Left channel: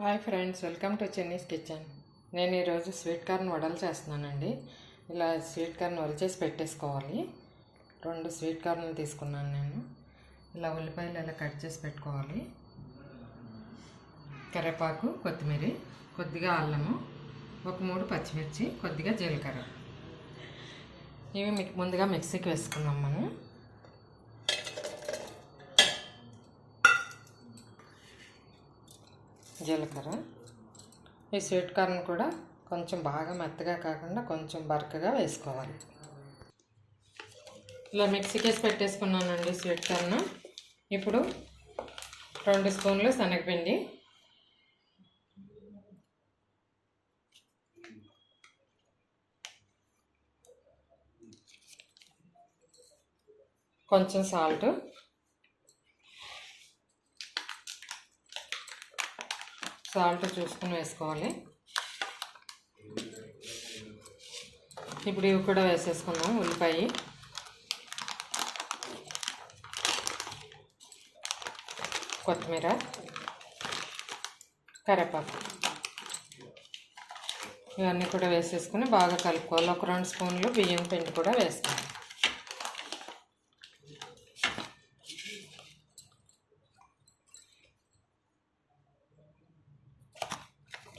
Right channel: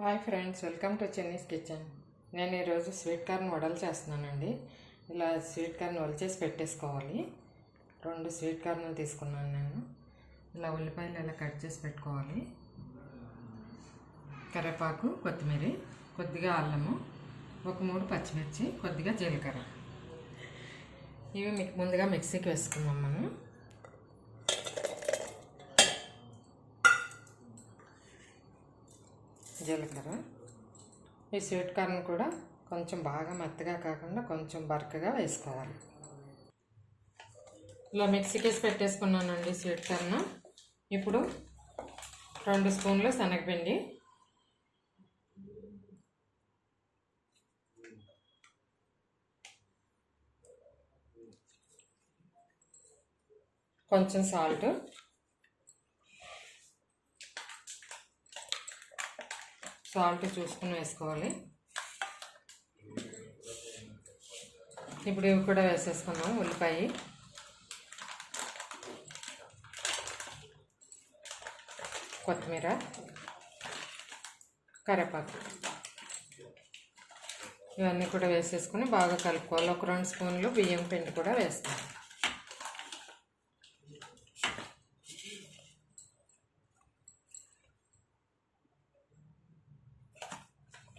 Hi friends welcome to Chenni's kitchen. నేను ఈరోజు sweet corn వడలు చేస్తున్నానండి. ఇలా స్వీట్ కార్న్ వలిచేసి చేసి పెట్టేసుకోవాలి. రెండు స్వీట్ కార్న్లు తీసుకున్నాను నేను. ఇలా ఉల్లిపాయలు ఇలా కట్ చేసి పెట్టుకోవాలి. కరివేపాకు కొత్తిమీర కొద్దిగా అల్లము ఒక మూడు పచ్చిమిర్చి కొద్దిగా జీలకర్ర. ఇవి ముందుగా మిక్సీకి వేసుకుందాం మనం. జీలకర్ర. ఈ స్వీట్ కార్న్ కూడా కొంచెం బాగా మెత్తగా కాకుండా కొంచెం బరకగా వేసుకోవాలి. ఇలా మిక్సీకేసి పెట్టేసుకున్నానండి స్వీట్ కార్న్. ఇప్పుడు రెండు స్పూన్లు శనగపిండి. కొంచెం సాల్ట్. సాల్ట్ చూసుకుని వేసుకోవాలి. ఇప్పుడు ఇవి కూడా వేసేసుకున్నాం ఉల్లిపాయ. కొత్తిమీర కరివేపాకు. ఇవన్నీ కూడా వేసేసుకుని బాగా కలుపుకోవాలి. ఒక రెండు స్పూన్లు బియ్యం పిండి కూడా వేసుకోవాలి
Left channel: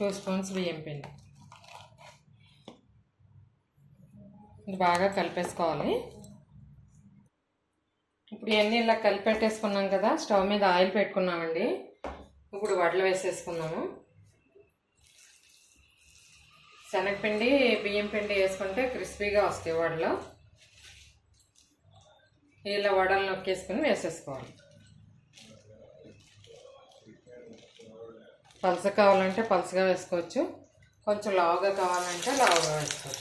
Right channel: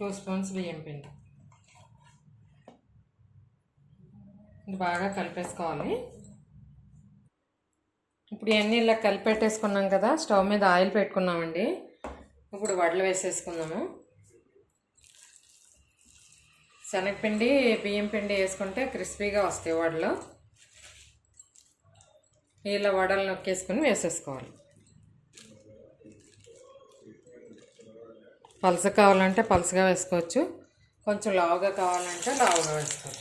టూ స్పూన్స్ బియ్యం పిండి. ఇది బాగా కలిపేసుకోవాలి. ఇప్పుడు ఇవన్నీ ఇలా కలిపెట్టేసుకున్నాం కదా స్టవ్ మీద ఆయిల్ పెట్టుకున్నామండి. ఇప్పుడు వడలు వేసేసుకున్నాము. శనగపిండి బియ్యం పిండి వేసుకుంటే క్రిస్పీగా వస్తాయి వడలు. ఇలా వడలు నొక్కేసుకుని వేసేసుకోవాలి. పలస కావాలంటే పలసగా వేసుకోవచ్చు. కొంచెం లావుగా కావాలంటే లావుగా వేసుకోవచ్చు.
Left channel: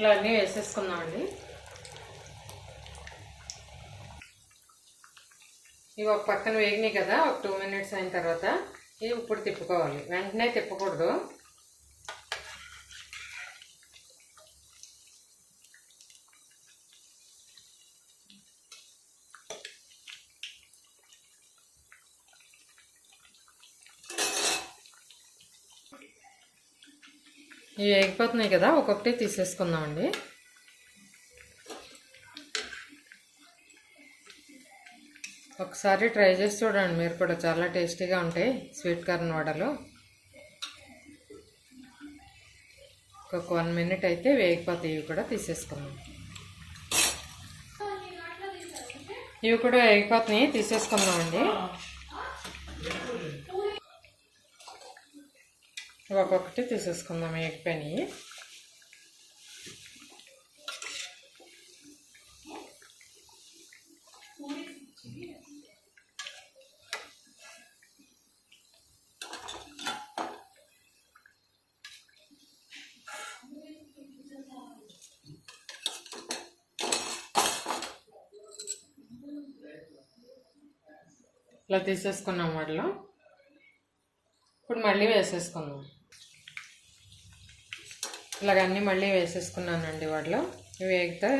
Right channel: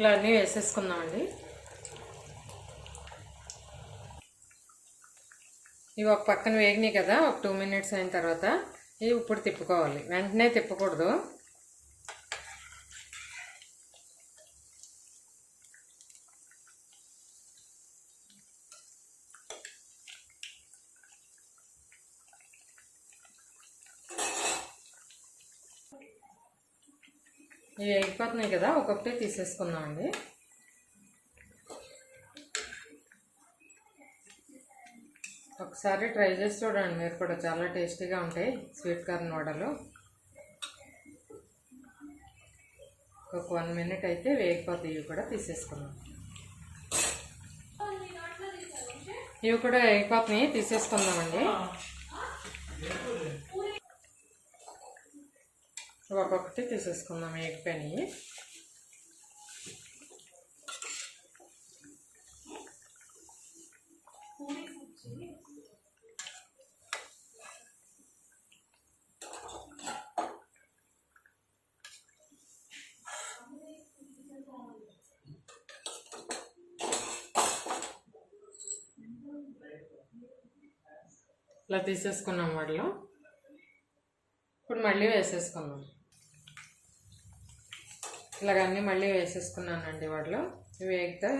ఇలా అన్నీ వేసేసుకున్నామండి ఇవి ఒక పక్కన వేగినాయి కదా ఒక టూ మినిట్స్ అయిన తర్వాత ఇవి ఇప్పుడు తిప్పుకోవాలి. వెంటనే తిప్పకూడదు. ఇవి వేగిపోతున్నాయి కదా ఒక్కొక్కటి తీసేసుకుందామండి ఒకసారి ట్రై చేసి చూడండి మీరు కూడా చాలా టేస్టీగా ఉంటాయి స్వీట్ కార్న్ వడలు. ఒక వన్ మినిట్ అయితే వేగిపోతాయి ఇవి కూడా తీసేసుకున్నాం ఇవి కూడా వేగిపోతున్నాయి తీసేసుకుందామండి ఒక్కొక్కటి తీసేసుకుందాం వేగిపోయినాయి ఇలా తీసేసుకున్నాం వాటిలో ఇప్పుడు మళ్ళీ వేసేసుకుందాం ఇలాగన్నీ మళ్ళీ వేసేసుకున్నానండి వాటిలో. ఇవి వేగితే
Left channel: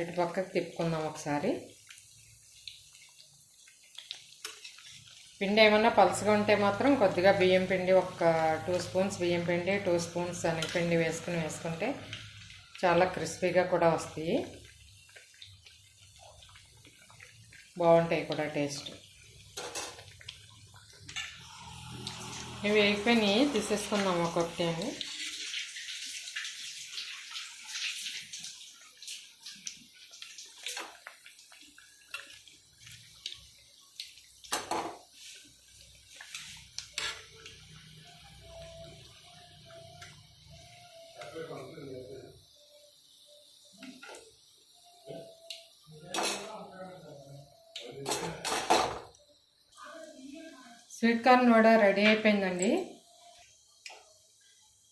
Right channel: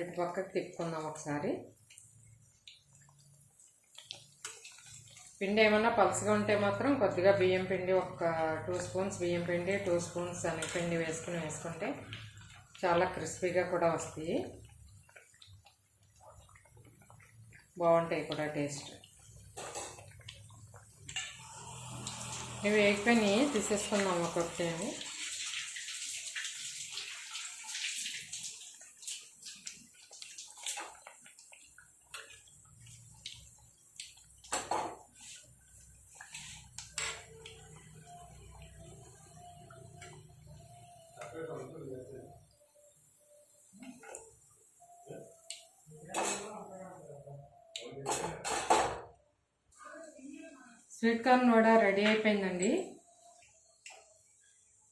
ఇటు పక్కకు తిప్పుకుందాం ఒకసారి. పిండి ఏమన్నా పలుసుగా ఉంటే మాత్రం కొద్దిగా బియ్యం పిండి ఒక టూ స్పూన్స్ బియ్యం పిండి టూ స్పూన్స్ పిండి వేసుకుని వేసుకుంటే చాలా క్రిస్పీగా కూడా వస్తాయి. బాగుంటాయి కూడా టేస్ట్. ఇవి వేగిపోయినాయి తీసేసుకుందాం ఒక్కొక్కటి అని. స్వీట్ కార్న్ వడ రెడీ అయిపోయిందండి.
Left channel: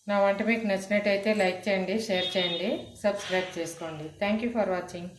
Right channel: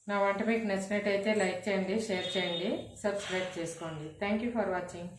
నా వంట మీకు నచ్చినట్టయితే లైక్ చేయండి షేర్ చేయండి సబ్స్క్రైబ్ చేసుకోండి. Thank you for watching